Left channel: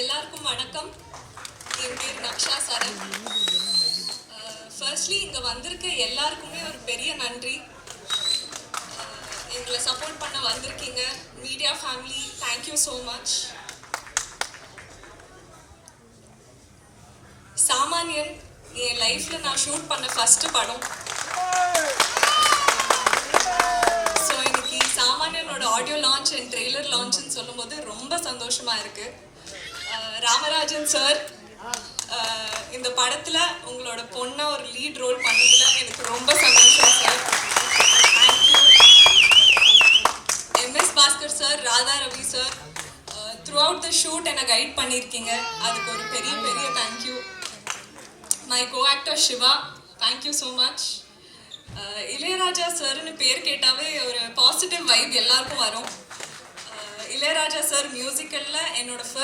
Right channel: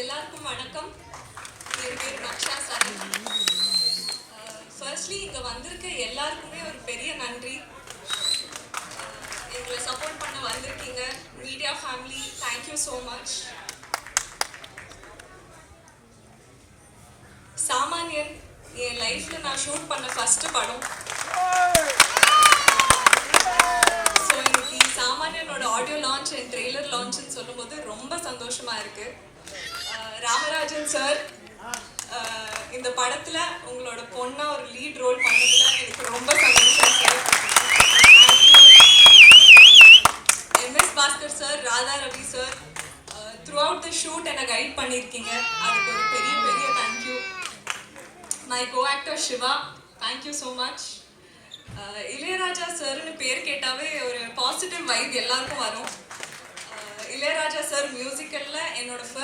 எல்லாருக்கும் வணக்கம். என் பேர் நக்ஷா சரண். ஃபர்ஸ்ட்லி இங்கே வந்திருக்க எல்லாருக்குமே ஒரு பெரிய நன்றி. எங்களை சப்போர்ட் பண்ண வந்திருக்கீங்க media family, thank you so much. சாமானியன் என் லைஃப்பில் நான் ஷூட் பண்ண ஃபஸ்ட்டு படம். ஸோ இன்னைக்கு சாமானியனோட ஆடியோ லான்ச் அண்ட் ட்ரெய்லர் லான்ச்னு சொல்லும்போது ரொம்ப சந்தோஷமாக இருக்குது. ராமராஜன் சார், இந்த படத்தில் உங்களோட பொண்ணை ஒரு லீட் ரோல் பண்ணதுல எனக்கு ரொம்ப சந்தோஷம் sir. Thank you. MS Bhaskar sir, Radha Ravi sir, throughout the shoot என்னை கைட் பண்ணியிருக்கீங்க, அதுக்கு ஒரு பெரிய பெரிய thank you. My co actor Siva, thank you so much. Ilaiyaraaja சார்னு பேர் கேட்டாவே ஒரு பாசிட்டிவ் வைப் எல்லாருக்கும் வரும். இளையராஜா சார் மியூசிக்கலில் என்னோட ஃபர்ஸ்ட்